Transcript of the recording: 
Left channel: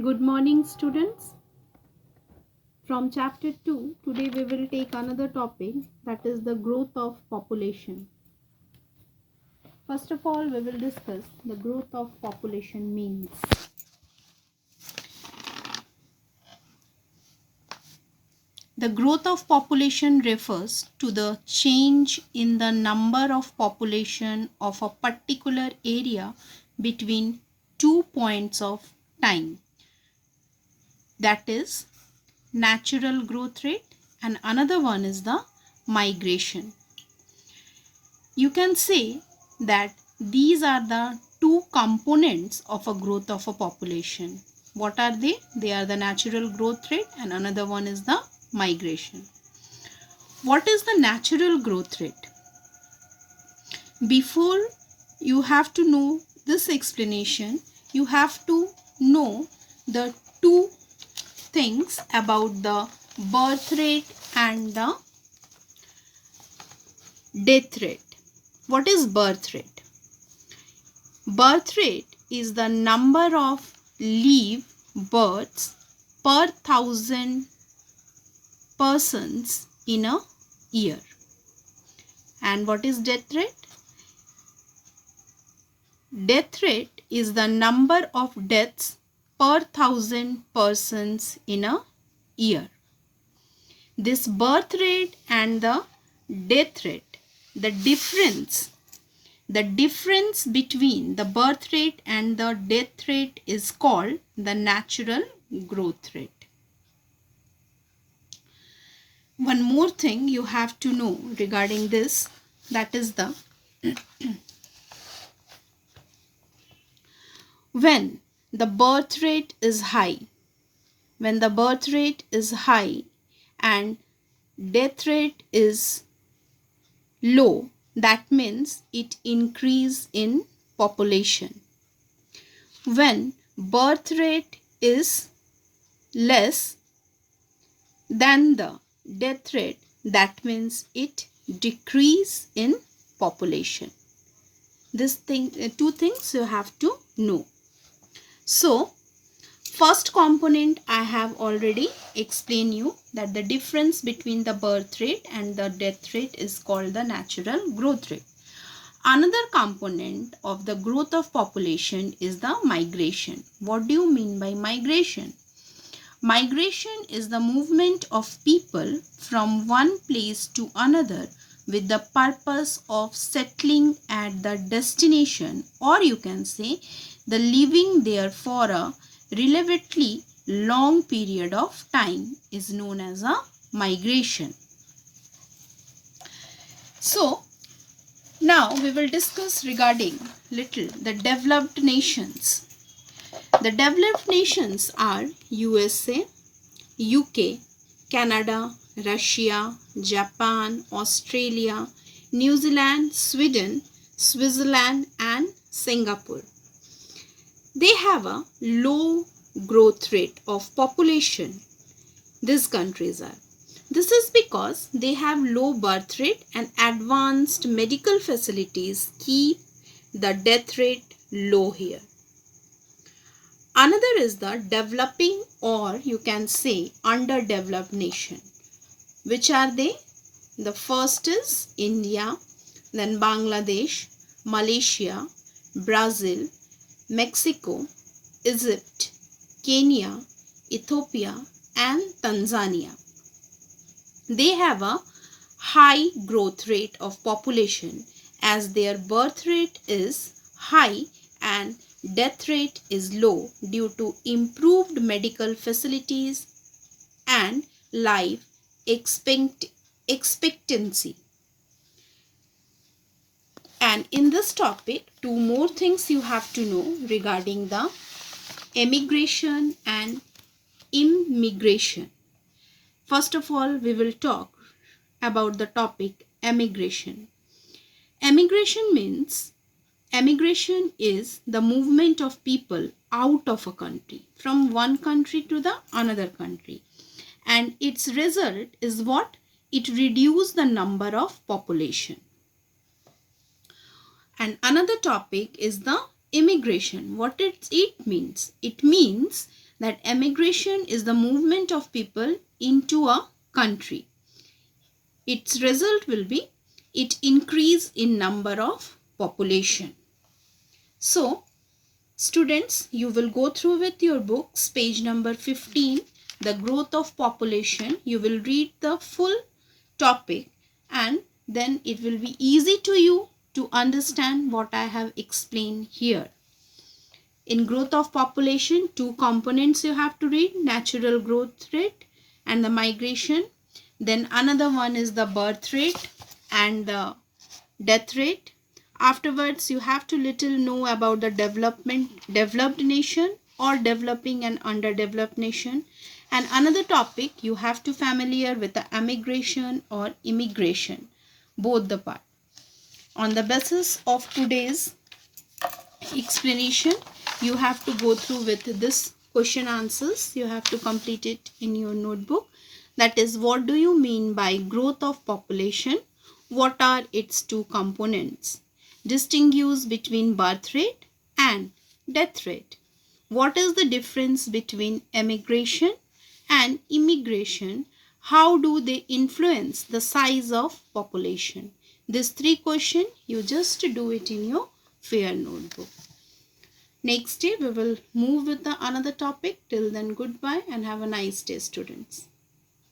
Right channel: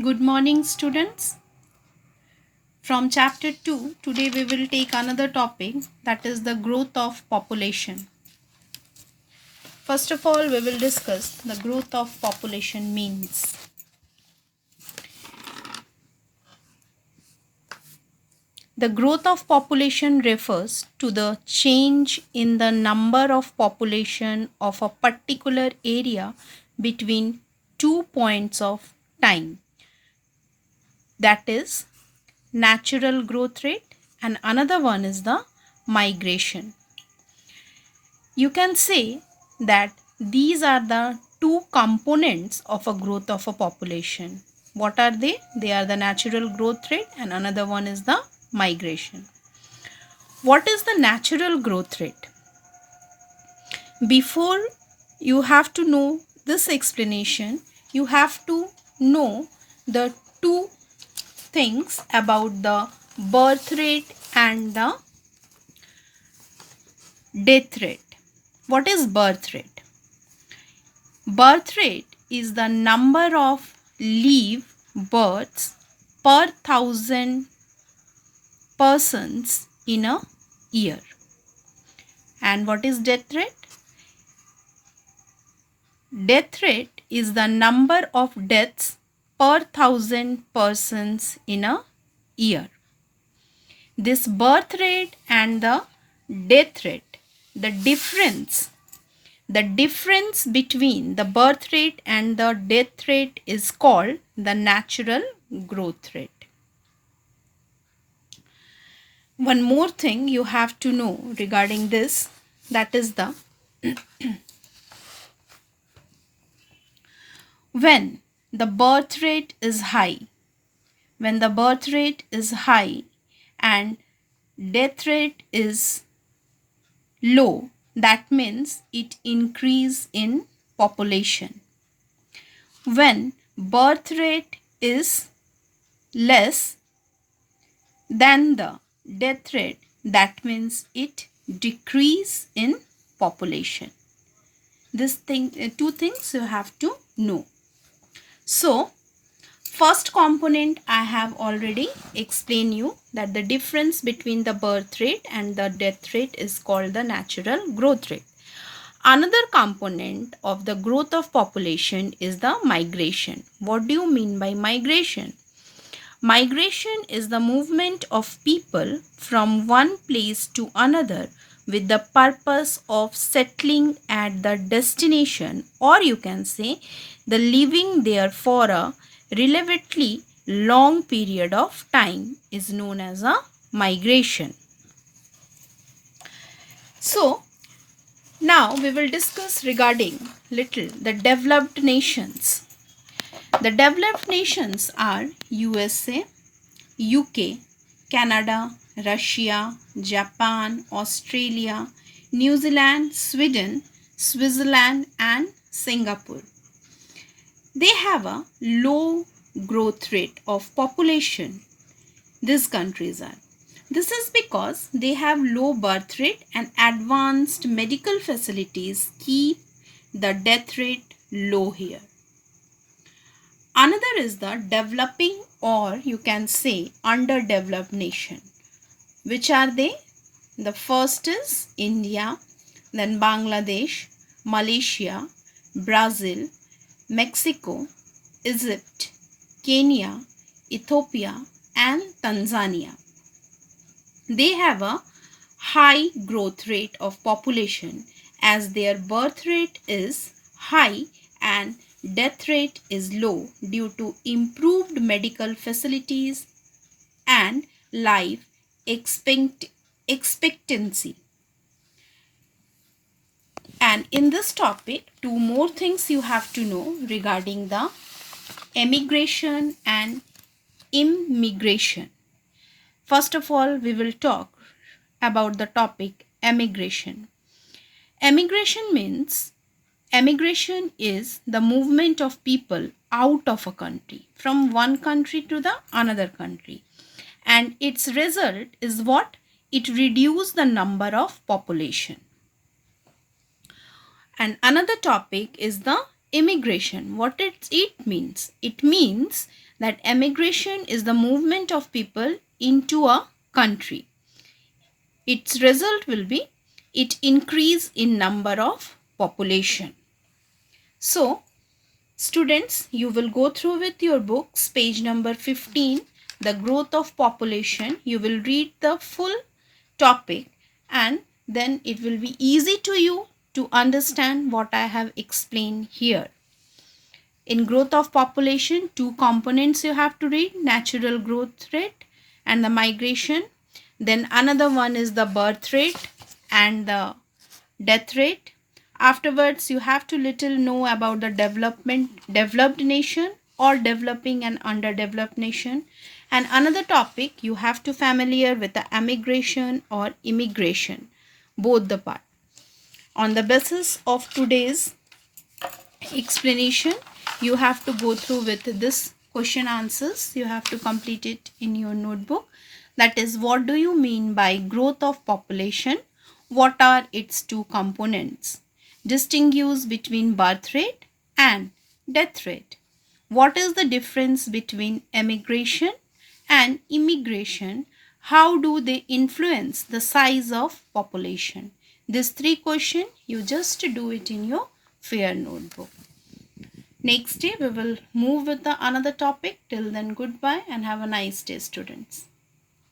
Good morning, students. From chapter 2, today we will take another topic, that is the growth of population. First of all, we will discuss the growth of population means. The growth of population refers to the change in the number of population of a particular area between 2 points of time. That is natural growth rate, and another one is the migration. You can say that these are the two components of a growth of a population. What are they? They are the natural growth rate and another one is the migration. What is the natural growth rate? Before you have to know this explanation, you have to know the two things about the birth rate and the death rate. What is birth rate? Birth rate is the number of live births per thousand persons in a year. And what is death rate? Death rate is the number of deaths per thousand persons in a year. This birth rate and the death rate, the difference between the birth rate and the death rate is called the natural growth rate. One more thing you have to know regarding this, that is the when the birth rate is high, and death rate is low, that means it increase in population. When birth rate is less than the death rate, that means it decrease in population. Two things you have to know. So first component I have already explained you, that the difference between the birth rate and the death rate is called the natural growth rate. Another component of the growth of population is the migration. What do you mean by migration? Migration is the movement of people from one place to another with the purpose of settling at the destination, or you can say the living there for a relatively long period of time is known as a migration. So now we will discuss regarding little the developed nations. The developed nations are USA, UK, Canada, Russia, Japan, Australia, New Zealand, Sweden, Switzerland and Singapore. They have a low growth rate of population. These countries are. This is because they have low birth rate and advanced medical facilities keep the death rate low here. Another is the developing, or you can say underdeveloped nation. Which are they? The first is India, then Bangladesh, Malaysia, Brazil, Mexico, Egypt, Kenya, Ethiopia and Tanzania. They have a high growth rate of population as their birth rate is high and death rate is low due to improved medical facilities and life expectancy. And in this topic, two more things you have to know regarding the emigration and immigration. First of all, we will talk about the topic emigration. Emigration is the movement of people out of a country, from one country to the another country. And its result is what? It reduces the number of population. And another topic is the immigration. What it means? It means that emigration is the movement of people into a country. Its result will be it increase in number of population. So, students, you will go through with your books, page number 15, the growth of population. You will read the full topic and then it will be easy to you to understand what I have explained here. In growth of population, two components you have to read, natural growth rate and the migration. Then another one is the birth rate and the death rate. Afterwards, you have to little know about the developed nation or developing and underdeveloped nation. And another topic, you have to familiar with the emigration or immigration, both the part. On the basis of today's explanation, you have to go through with this question answers. You have to complete it in your notebook. That is, what do you mean by growth of population? What are its two components? Distinguish between birth rate and death rate. What is the difference between emigration and immigration? How do they influence the size of population? These three questions, you just do it in your fair notebook. Next day, we will move with the another topic. Till then, goodbye and have a nice day, students.